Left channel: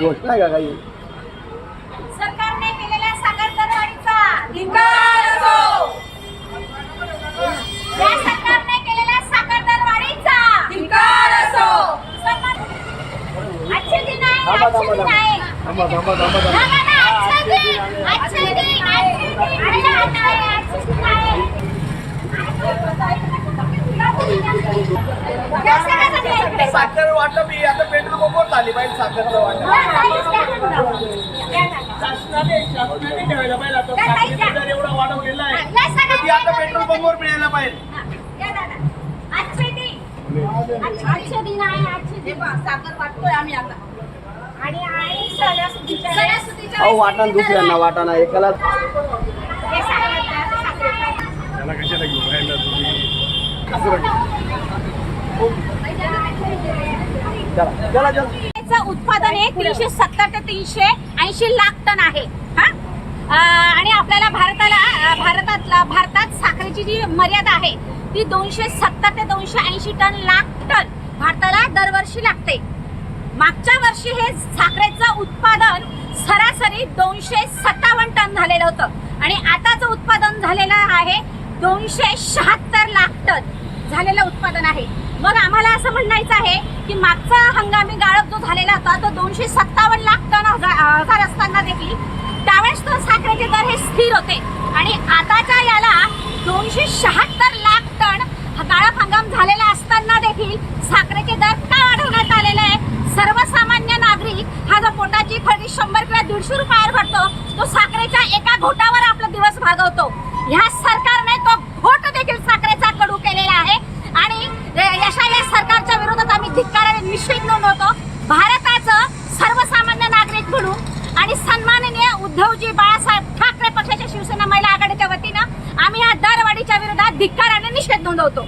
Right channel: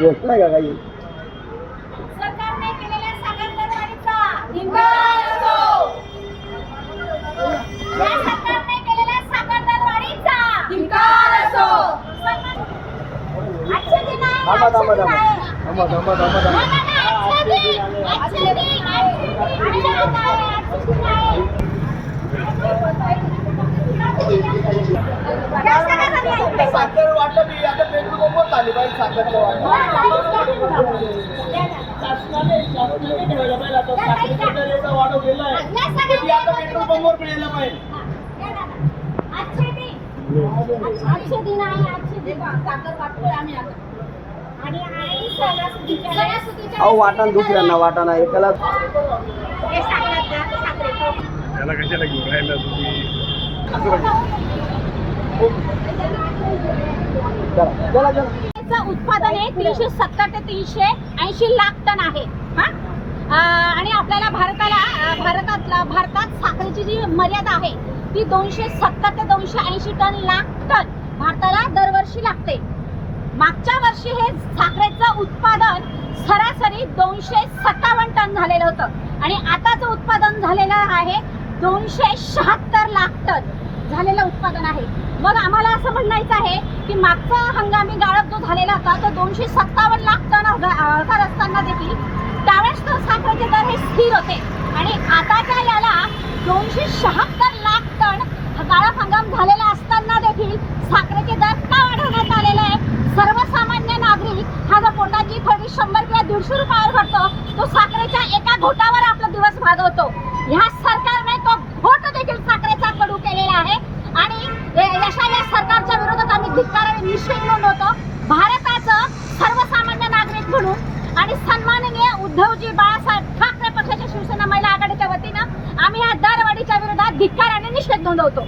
घोषणा आहे का काही? सरकारने केलेल्या साखर दरवाढीचा धिक्कार असो. या सरकारने केलेल्या साखर दरवाढीचा धिक्कार असो. आजचे दिन आहे, आजचे दिन आहे. थांबा. थांबा ना, आजचे दिन, आजचे दिन, आजचे दिन आहे. या सगळ्यांना साखर वाटप ही आता पेट्रोल पंपवर झाली पाहिजे. साखरचं वाटप शासनाने ठेवायला पाहिजे. आता साखरेचा दर एवढा वाढवलेला आहे तर ती आता पेट्रोल पंपवर मिळायला पाहिजे. आजचे दिन आहे, आजचे दिन. साखर वाटतोय आम्ही आता. आणि आई सणासुदीच्या अहो वाटा दुसऱ्यांना वाटाणा एकाला हे सांगतात ना, साखरेचं. त्याला कशाला घेऊन राहिला तुम्ही? चला चं उत्पादन हे 370 ते 380 लाख टन आहे. आणि आपल्याला भारतात साखरेची जी मर्यादा आहे ती 270 ते 280 लाख टन भारताला दरवर्षी लागते. मागच्या वर्षी हे साखरेचं उत्पादन सरासरी 257 टन झालेलं होतं आणि आताचं उत्पादन झालेलं आहे 276 लाख टन झालेलं उत्पादन आहे. मग आम्हाला असं म्हणायचं आहे की मागचा हंगामी गाळप जो झालेला होता तो 257 लाख टन हजार असताना देखील त्यावेळेस तो साखरेचे दर हे स्थिर होते आणि आताच्या याला 276 लाख टन गाळप हंगाम झालेला असताना देखील साखरेचे दर का वाढवण्यात आलेले आहे? सर्वसामान्य नागरिक हा जो पोटाची खरेदी 100 किंवा 150 रुपयावर भरतो तो साखरेच्या एका घोटावर आपला दिवस भागवतो. ह्या सरकारने तो घोट देखील साखरेचा कडू केलेला आहे आणि या सरकारच्या विरोधात आम्ही धिक्काराने निषेध नोंदवतो. भारताचं सर्वसामान्य नागरिक म्हणून आणि सन्माननीय उद्धवजी बाळासाहेब ठाकरे पक्षाच्या शिवसेना महिला आघाडीच्या वतीनं आम्ही या दरवाढीच्या विरोधात धिक्काराने निषेध नोंदवतो.